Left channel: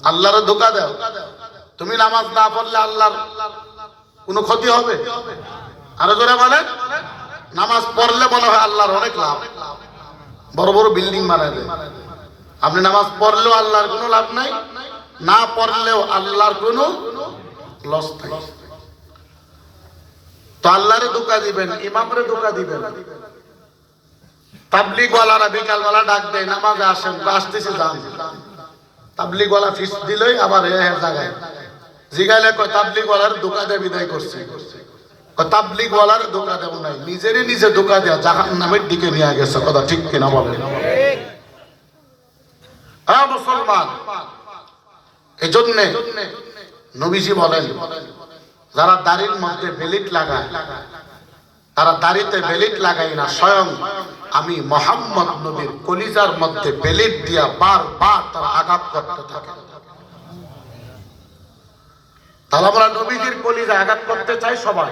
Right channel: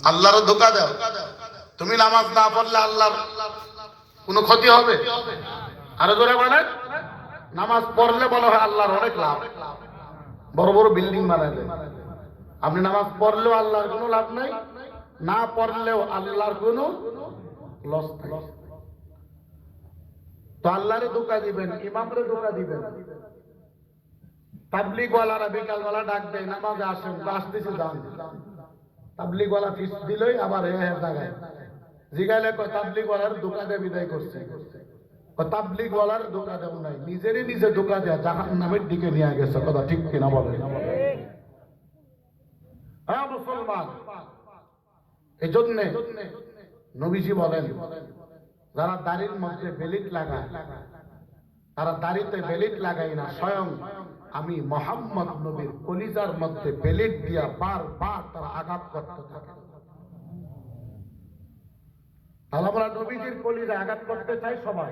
আল্লাহর ধোঁকা দাও। তুমি নামাজ না পড়লে আল্লাহর কোনো ক্ষতি হবে? আরো জোরে বলেন। নামাজ পড়লে মনে হয় আল্লাহর অনেক লাভ, বড় বড় বিল্ডিং বানায় দেয়। আপনি নামাজ পড়লেও আল্লাহর কোনো লাভ নাই, না পড়লেও আল্লাহর কোনো লস নাই। তো আল্লাহরে ধোঁকা দিবেন, ইমামরে ধোঁকা দিবেন। তাবলিগ ওয়ালারা বিকালবেলা ডাক দেয়, নামাজে আসেন, আসতেছি যান। তাবলিগ ওয়ালা ফিস দিলই আবার জায়গায় জিগাইলে কয় তাবলিগ ওয়ালার ধোঁকা দিয়ে বিদায় করছে। তাবলিগ ওয়ালার ধোঁকা দেব নাই, নিজেরই নিজে ধোঁকা দেয়া জাহান্নামের দিকে নিয়ে গেছে। কথা ঠিক কিনা বলেন? হ্যাঁ মুসলমান, এজন্য নবীজি বলেন, যারা দাড়ির মধ্যে বেলিট লাগায় তারা দাড়িতে বেলিট লাগাই না, স্বয়ং আমি মুহাম্মদ নবীর কলিজার মধ্যে বেলিট দিয়া বারবার তারা আঘাত করতে থাকে। তাহলে আমরা নবীজির কলিজা আঘাত করতে চাই সবাই।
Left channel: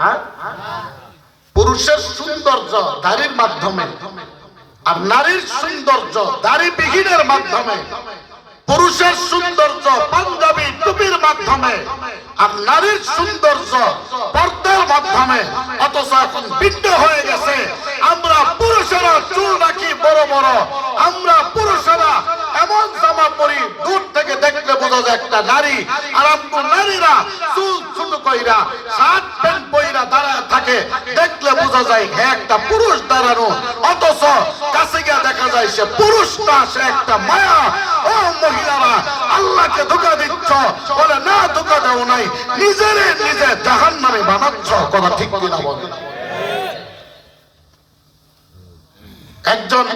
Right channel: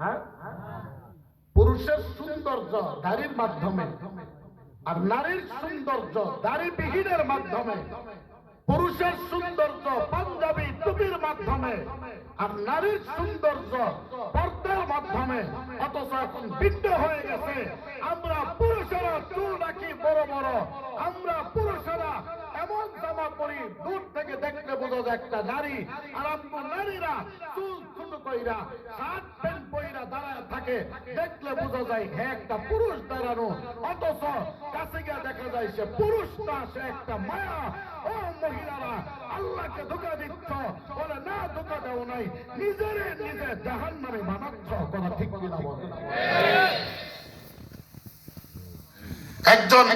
হ্যাঁ, পুরুষের সৌন্দর্য দাড়ির মাধ্যমে, আর নারীর সৌন্দর্য দাড়ি বিহীনের মাধ্যমে। পুরুষের সৌন্দর্য পাঞ্জাবি টুপির মাধ্যমে, আর নারীর সৌন্দর্য পর্দার মাধ্যমে। অথচ এখন ভিন্ন হয়ে গেছে। আমরা পুরুষেরা চুল রাখি বড় বড়, আমরা পুরুষেরা এমন জামা পরি দূর থেকে দেখলে বোঝা যায় একটা নারী, আর আমরা নারীরা চুল ছোট কইরা শার্ট প্যান্ট পইরা দাঁড়ায় থাকে, দেখলে বোঝা যায় হ্যাঁ একটা পুরুষ দাঁড়ানো। অথচ কাছে গিয়ে দেখা যায় সে পুরুষ না, সে একটা মায়া। ও মহিলারা, আল্লাহকে ধোঁকা দিচ্ছ। বলে না, ধোঁকা দাও নাই, নিজেরে নিজে জাহান্নামে বানাচ্ছ। কথা ঠিক কিনা বলেন? একজন